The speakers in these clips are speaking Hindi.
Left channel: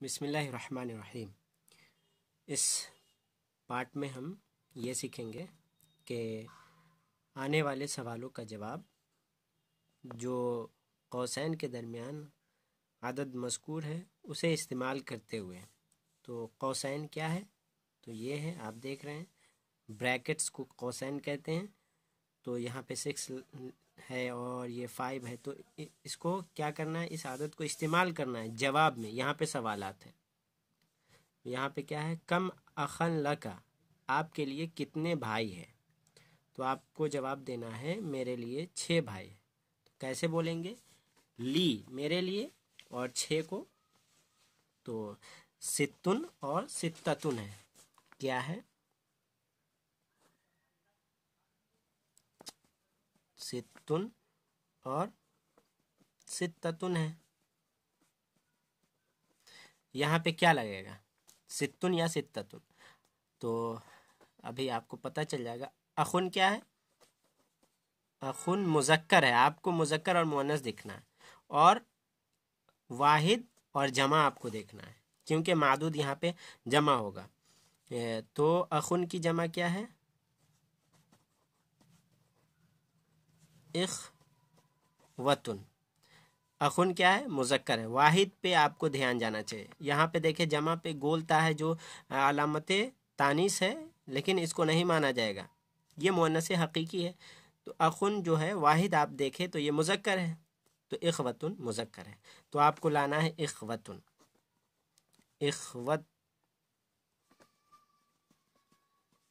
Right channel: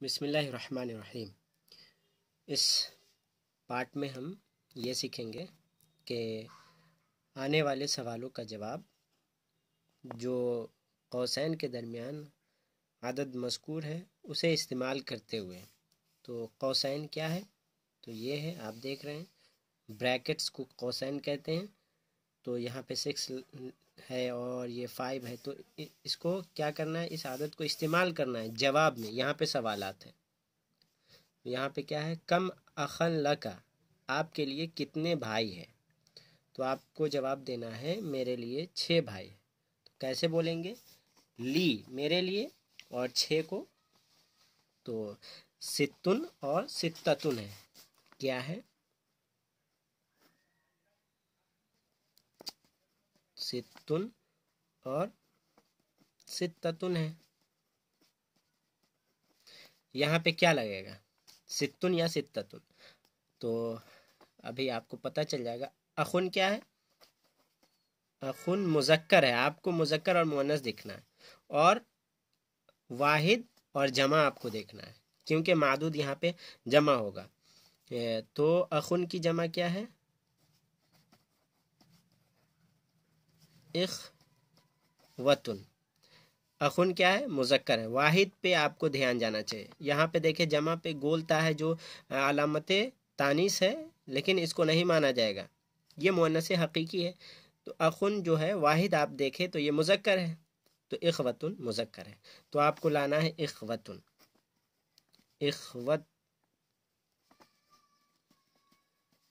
बिस्मिल्लाहिर्रहमानिर्रहीम। इस पार्ट में हम ये सीखेंगे कि आने वाले सवालों का जवाब जो कौसैन के दरमियान आदद मज़कूर है उसे इस्तेमाल करते हुए। तो कौसैन क्या है? तो ये है, आप देख रहे हैं, ब्रैकेट्स को कौसैन कहते हैं। तो यहाँ पे 6 है और ये 5 है, तो इसको क्या करना है, इस आदत को इस्तेमाल करना है जवाब में। यहाँ पे सवालात हैं। यहाँ पे क्या है, कम अखन लका, आपके लिए कितने भाई हैं? तो आपको जवाब देना है मेरे लिए 6 भाई। तो कैसे बोलेंगे? ली मेरे लिए और 6 को, तो सित्तुन और सित्ततुन है। क्या है? सित्तुन और सित्ततुन है। यहाँ पे क्या लगेगा, सित्तुन या सित्ततुन? तो अभी आपको पता चल जाएगा। अखुन क्या है? अखुन मुज़क्कर है, आपको मुज़क्कर और मुअन्नस देखना है, और वाहिद और जमा आपको देखना है, क्योंकि मादूद यहाँ पे जमा होगा। तो अखुन की जमा क्या है? इख्वतुन। अखुन क्या है? मुज़क्कर है। वाहिद पे आपको ध्यान जाना चाहिए। यहाँ पे देखिए, जमा पे गोलता है जो अलामत तानीस है, लेकिन इसको नहीं माना जाएगा, ये मुअन्नस हकीकी है। तो अखुन जो है वाहिद आप देखें तो ये मुज़क्कर है, तो इख्वतुन मुज़क्कर है, तो आपको लाना है इख्वतुन। इख्वत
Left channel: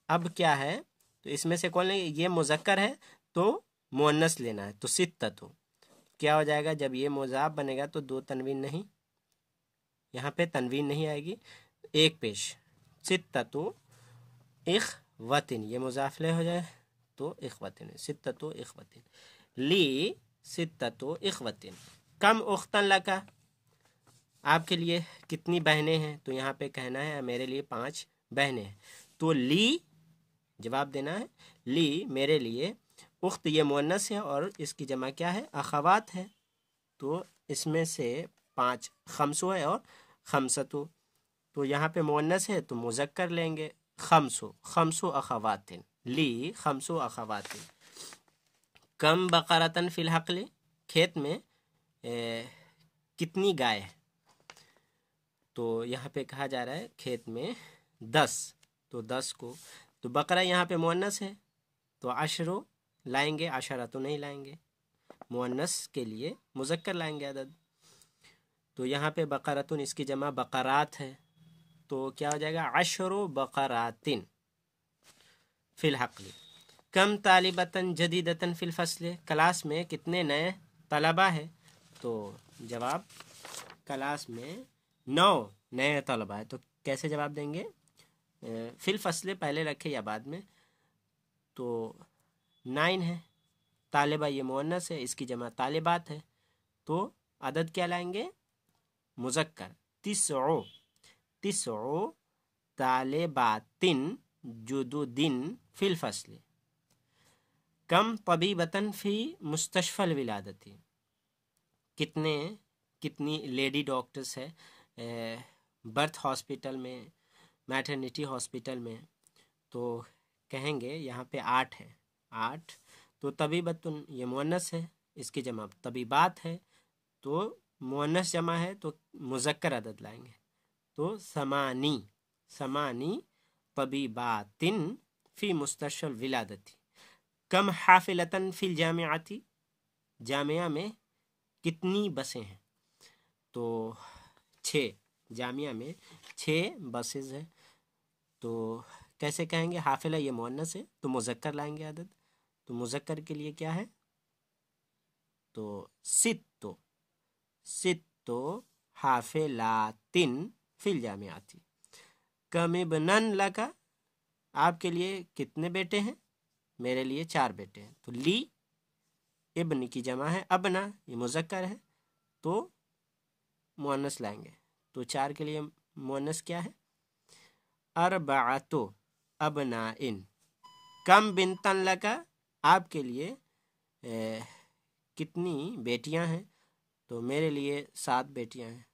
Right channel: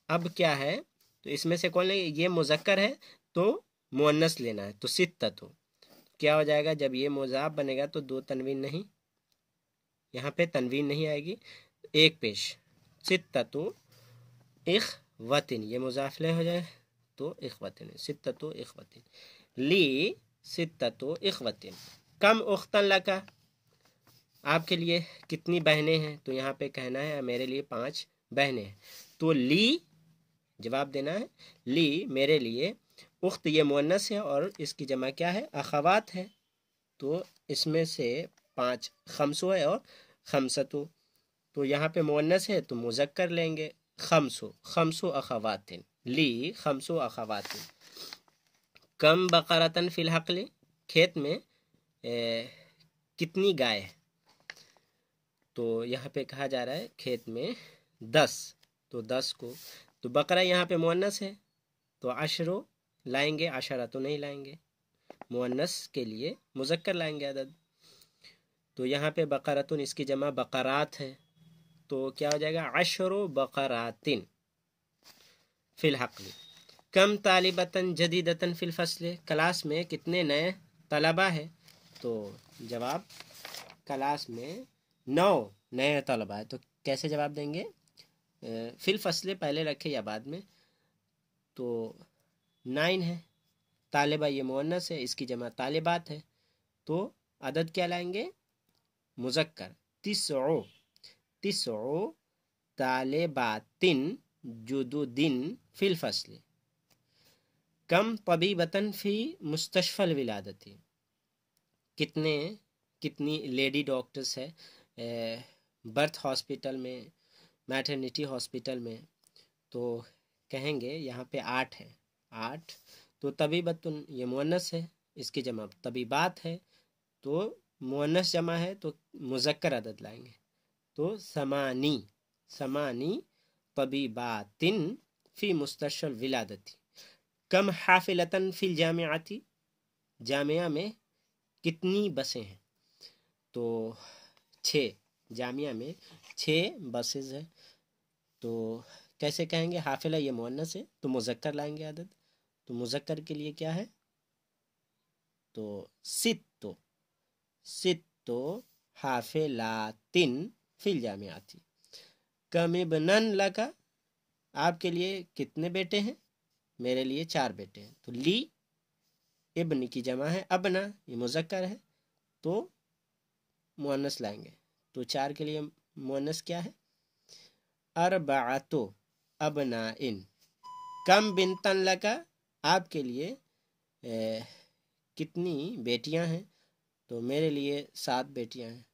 अब क्या है, तो इसमें से कौन लेंगे? ये मुज़क्कर है तो मुअन्नस लेना है, तो सित्ततु क्या हो जाएगा? जब ये मुज़ाफ बनेगा तो 2 तनवीन नहीं, यहाँ पे तनवीन नहीं आएगी, एक पेश। सित्ततु इख्वतिन, ये मुज़ाफले हो जाए तो इख्वतिन, सित्ततु इख्वतिन। ली सित्ततु इख्वतिन। कम उख्तन लका, आपके लिए कितनी बहनें हैं? तो यहाँ पे कहना है मेरे लिए 5 बहनें हैं। तो ली जवाब देना है, ली मेरे लिए। उख्त ये मुअन्नस है और इसकी जमा क्या है? अखवात है। तो इसमें से 5 खम्सो है और खमसतु, तो यहाँ पे मुअन्नस है तो मुज़क्कर लेंगे। खम्सो अखवातिन, ली खम्सो अखवातिन। कम बकरतन फिल हक़ल, खेत में कितनी गाय है? तो यहाँ पे कहा जा रहा है खेत में 10, तो 10 को, तो बकरा यहाँ पे मुअन्नस है तो अशरो लाएंगे, अशरा तो नहीं लाएंगे, मुअन्नस के लिए मुज़क्कर लाएंगे अदद। तो यहाँ पे बकरतुन, इसकी जमा बकरात है, तो क्या हो जाएगा? अशरो बकरातिन फिल हक़ल। कम तालिबतन जदीदतन फिल फस्ल, क्लास में कितने नए तलबा है? तो जवाब, क्लास में 9 नए तलबा है। तो कैसे जवाब देंगे? फिल फस्ल पहले रखे या बाद में? तो 9 है, तालिबा ये मुअन्नस है, इसकी जमा तालिबात है, तो अदद क्या लाएंगे? मुज़क्कर। तिस्ओ तालिबातिन जुदुदिन फिल फस्ल। कम तबीबतन फी मुस्तशफ़ल विलादती, कितनी लेडी डॉक्टर्स है बर्थ हॉस्पिटल में, मैटरनिटी हॉस्पिटल में? तो कहेंगे यहाँ पे 8 है, 8। तो तबीबतुन ये मुअन्नस है, इसकी जमा तबीबात है, तो मुअन्नस जमा है तो मुज़क्कर अदद लाएंगे, तो समानी तबीबातिन फी मुस्तशफ़ल विलादती। कम हाफिलतन फिल जामियाती, जामिया में कितनी बसें हैं? तो 6, जामिया में 6 बसेज है। तो कैसे कहेंगे? हाफिला ये मुअन्नस है तो मुज़क्कर लाएंगे अदद, तो मुज़क्कर के लिए क्या है? तो सित्तो हाफिलातिन फिल जामियाती। कम इब्नन लका, आपके लिए कितने बेटे हैं? मेरे लिए 4 बेटे हैं। तो ली इब्न की जमा है अबना, ये मुज़क्कर है तो मुअन्नस लाएंगे, तो 4 के लिए मुअन्नस क्या है? अरबाअतु अबनाइन। कम बिनतन लका, आपके लिए कितनी बेटियां हैं? तो मेरे लिए 7 बेटियां हैं,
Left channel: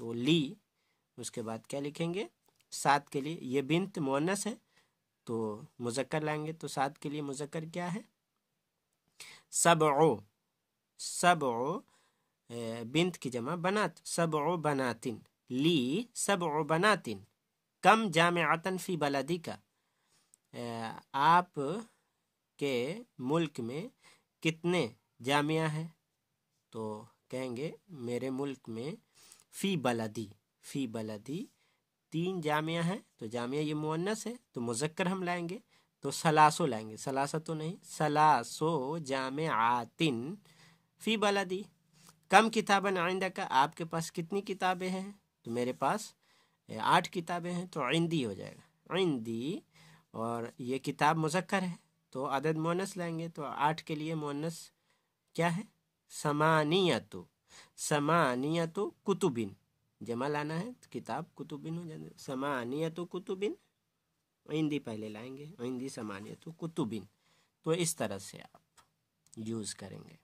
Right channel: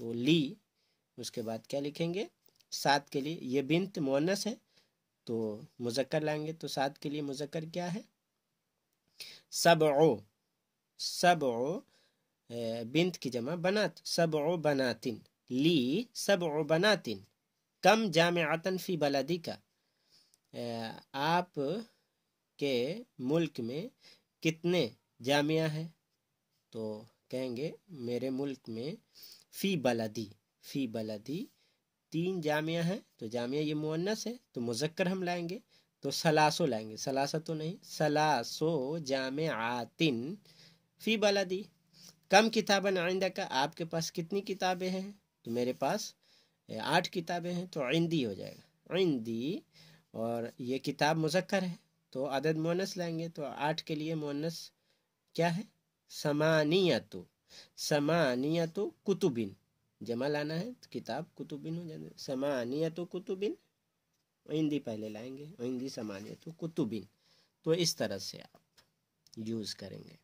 तो ली उसके बाद क्या लिखेंगे, 7 के लिए, ये बिन्त मुअन्नस है तो मुज़क्कर लाएंगे, तो 7 के लिए मुज़क्कर क्या है, सबअ, सबअ बिन्त की जमा बनात, सबअ बनातिन, ली सबअ बनातिन, कम जामिअतन फी बलदी का, आप के मुल्क में कितने जामिया है, तो कहेंगे मेरे मुल्क में फ़ी बलदी, फ़ी बलदी 3 जामिया है, तो जामिया ये मुअन्नस है तो मुज़क्कर हम लाएंगे, तो सलासो लाएंगे, सलासा तो नहीं, सलासो जामिआतिन फ़ी बलदी। कम किताबन इंदका, आपके पास कितनी किताबें हैं, तो मेरे पास 8 किताबें हैं, तो इंदी हो जाएगा, इंदी, और ये किताब मुज़क्कर है तो अदद मुअन्नस लाएंगे, तो 8 के लिए मुअन्नस क्या है, समानियतु, समानियतु कुतुबिन, जमा लाना है तो किताब कुतुबिन हो जाएगा, समानियतु कुतुबिन, इंदी पहले लाएंगे, इंदी समानियतु कुतुबिन। तो इस तरह से आप यूज़ करेंगे।